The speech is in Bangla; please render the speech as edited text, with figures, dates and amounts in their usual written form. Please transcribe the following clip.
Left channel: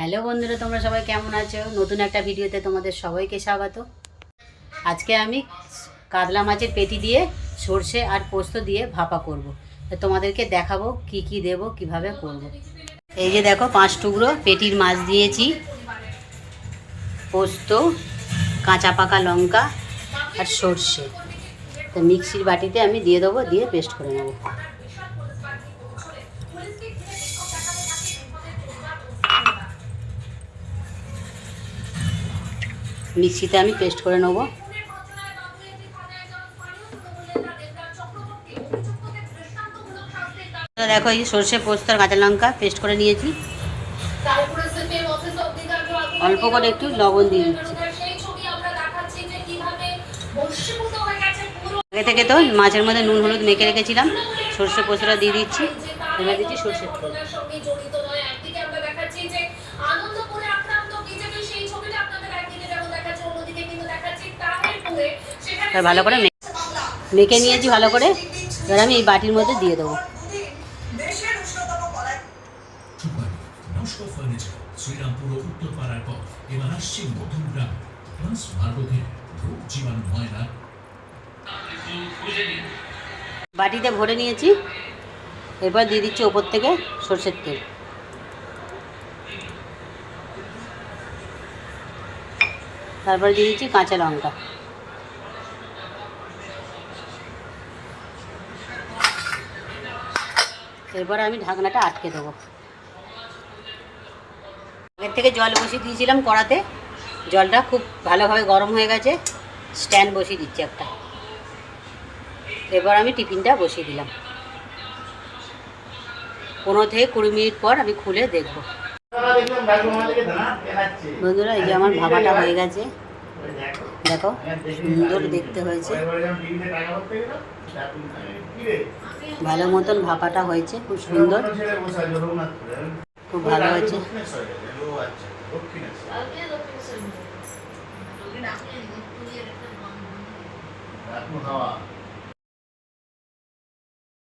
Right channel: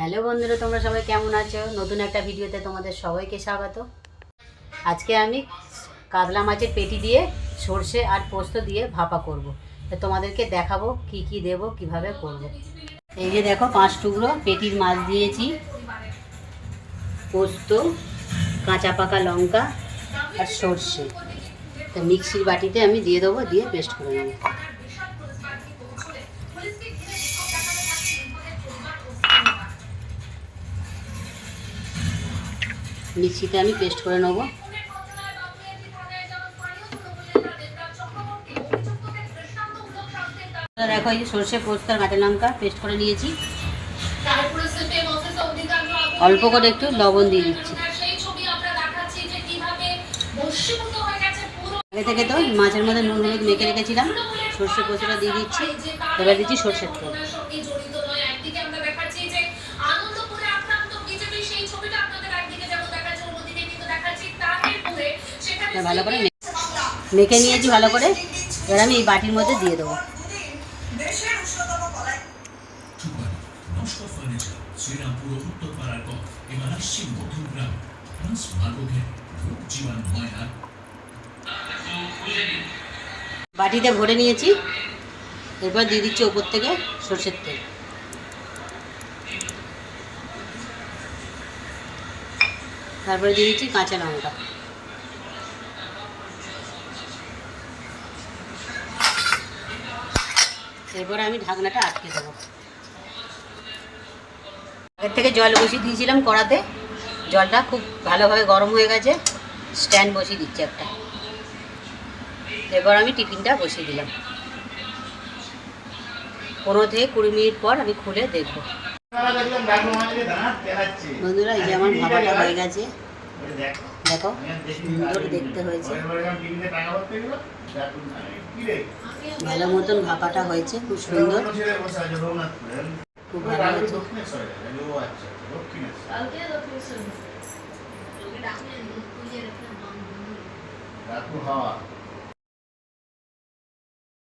হ্যালো বন্ধুরা, তোমরা সবাই কেমন আছো? নতুন একটা ভিডিওতে তোমাদের সবাইকে স্বাগত। আজকে আমি কাতলা মাছের পেটি দিয়ে সর্ষে আর পোস্ত দিয়ে ভাপা করব। তো তোমাদেরকে দেখাবো কি কি দেব, কিভাবে করব। এই যে দেখো, 5 টুকরো পেটির মাছ দিয়েছি, পোস্ত, কাঁচা পাকা লঙ্কা আর সর্ষে। তো মিক্সির বাটিতে আমি দিয়ে দেবো, দিয়ে পেস্ট করে নেবো। মিক্সিতে আমি পেস্ট করে নেবো। দেখো, এই সর্ষে, পোস্ত আর কাঁচা লঙ্কা পেস্ট করে নিয়েছি। অল্প করে একটু লবণ দিয়ে দিচ্ছি। আগে থেকে তো মাছের মধ্যে নুন হলুদ মেখে রেখেছিলাম। সর্ষে পোস্তটা দিয়ে দিচ্ছি। এবার দিচ্ছি সর্ষের তেল। ভালো করে মেখে নিয়েছি ভালো করে। এবার আমি এই বাটির মধ্যে দিয়ে দেবো। বাটিতে ভরে নিয়েছি। এরপর দিয়ে দিচ্ছি ওপর থেকে সর্ষের তেল। তারপরে দিয়ে দিচ্ছি কাঁচা লঙ্কা। এরপর আমি ঢাকনাটা আটকে দেবো। আগের থেকে জল বসিয়ে দিয়েছিলাম কড়াতে। জলটা খুব ভালোভাবে গরম হয়ে গেছে। স্ট্যান্ড বসিয়ে দিচ্ছি একটা। এরপর আমি টিফিনটা বসিয়ে দিলাম। 15 থেকে 20 মিনিট পর আমি খুলে দেখব। বন্ধুরা, এই যে আমার ভাপাটা হয়ে গেছে। দেখো, সুন্দর দেখতে হয়েছে। ভালো মতন ভাপাটা হয়েছে, খুব সুন্দর, খুব ভালো হয়েছে।